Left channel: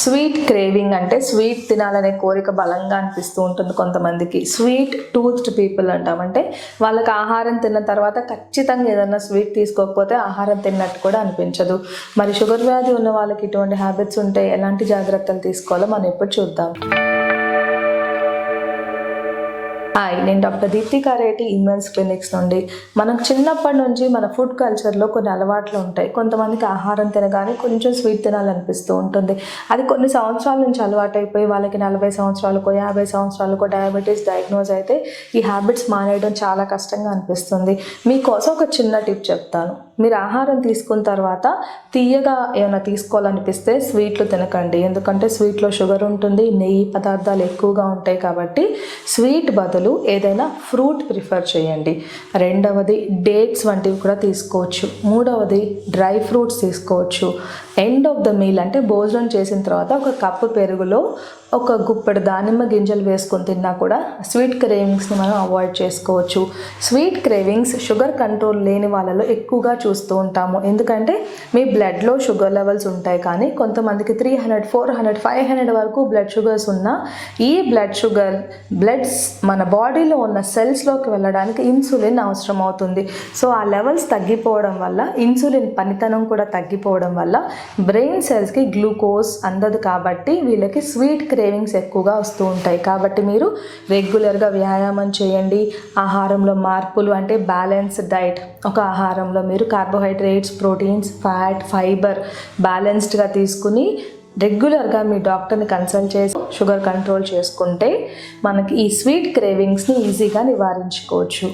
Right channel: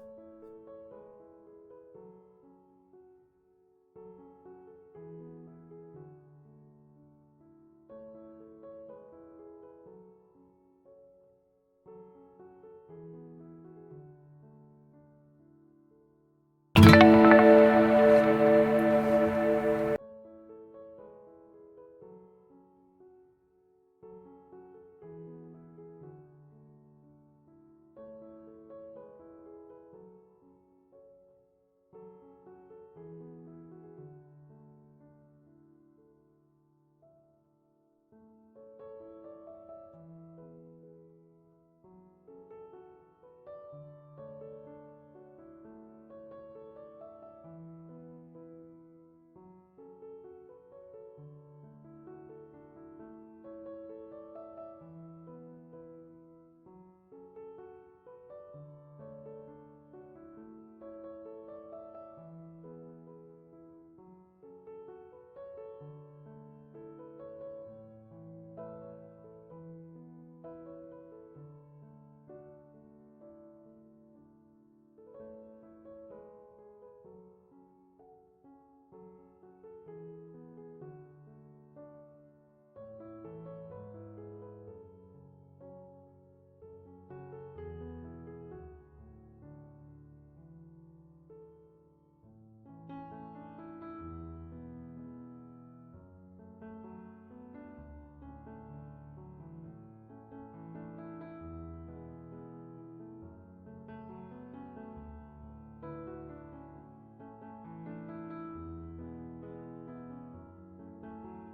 Sweet craving అంటే sweet తినాలనే కోరిక బలంగా అనిపిస్తూ ఉంటుంది కొంతమందికి. స్వీట్ టూత్డ్ పీపుల్ అంటాం. అంటే వాళ్ళకి ఆహారం తిన్న తర్వాత ఖచ్చితంగా ఏదైనా స్వీట్ తీసుకోకపోతే ఆహారం తిన్నట్టు కూడా అనిపించదు. మరి షుగర్ వ్యాధి ఉన్న వాళ్ళకి ఇటువంటి హ్యాబిట్స్ ఉంటే ఎలాంటి జాగ్రత్తలు తీసుకోవాలో మనం ఇప్పుడు చూద్దాం. హాయ్, నేను డాక్టర్ దీప్తి కారేటి ఇమ్యూన్స్ క్లినిక్స్ నుండి. మనకు చిన్నప్పటి నుంచి మన ఫుడ్ కల్చర్లో కొన్ని అలవాట్లు ఉంటాయి. కొంతమందికి ఆహారం తినగానే కొంచెం స్వీట్ తినాలనిపిస్తూ ఉంటుంది. అది కొన్ని సంవత్సరాల నుంచి అలవాటైపోయి వాళ్ళకి 40 సంవత్సరాలకో 50 సంవత్సరాలకో డయాబెటీస్ డయాగ్నోజ్ అయితే ఈ హ్యాబిట్స్ మానేయడం చాలా కష్టంగా అనిపిస్తుంది. మీకోసం ఒక చిన్న టిప్ చెప్తాను. మీరు ఆహారం తీసుకున్న తర్వాత తీయగా ఏమైనా తీసుకోవాలనిపిస్తే స్వీట్లు తినకండి. ఎందుకంటే స్వీట్లో షుగర్ ఉంటుంది, నెయ్యి పదార్థాలు ఎక్కువగా ఉంటాయి. కాబట్టి స్వీట్ బదులు ఏదైనా ఫ్రూట్ ప్రిఫర్ చేయండి. రెండవది డేట్స్ వంటివి కూడా తీసుకోవచ్చు. మూడవది డ్రై ఫ్రూట్స్ తీసుకోవచ్చు. ఎండ్ ఆఫ్ ద మీల్ అంటే భోజనం చేసిన తర్వాత ఒక కప్పు పెరుగులో ఒక గుప్పెడు దానిమ్మ గింజలు వేసుకొని తిన్నా కూడా స్వీట్ క్రేవింగ్స్ని మనం అవాయిడ్ చేసుకోవచ్చు. స్వీట్ క్రేవింగ్స్ షుగర్ కంట్రోల్ లేని వాళ్ళలో ఎక్కువగా చూస్తూ ఉంటాము. ఎందుకంటే మీ బ్లడ్లో షుగర్ లెవెల్స్ ఉంటాయి, కానీ కొంతమందికి 300, 400, 500 వరకు బ్లడ్ షుగర్స్ ఉన్నా ఈ బ్లడ్స్ మన బాడీలో ఉన్న సెల్స్లోకి వెళ్ళడానికి ఇన్సులిన్ అవసరం అవుతుంది. సో ఆ లెవెల్స్ తగ్గిపోవడం వల్ల, ఇన్సులిన్ పనితనం కూడా తగ్గిపోవడం వల్ల బ్రెయిన్ సెల్స్కి గ్లూకోజ్ అందదు. కాబట్టి వీళ్ళకి స్వీట్ క్రేవింగ్స్ ఎక్కువగా వస్తూ ఉంటాయి. కాబట్టి మీరు రెగ్యులర్గా వ్యాయామం చేయండి. ఆహారంలో మార్పులు అంటే బ్యాలెన్స్డ్ డైట్. ఒక ఆహారంలో మీరు కార్బోహైడ్రేట్స్, ప్రోటీన్స్, ఫ్యాట్, ఫైబర్ బ్యాలెన్స్డ్గా తీసుకుని రెగ్యులర్గా మీ డాక్టర్ని కన్సల్ట్ చేసి షుగర్ కంట్రోల్ చేసుకుంటే మనకి ఈ స్వీట్ క్రేవింగ్స్ని ఈజీగా నివారించుకోవచ్చు.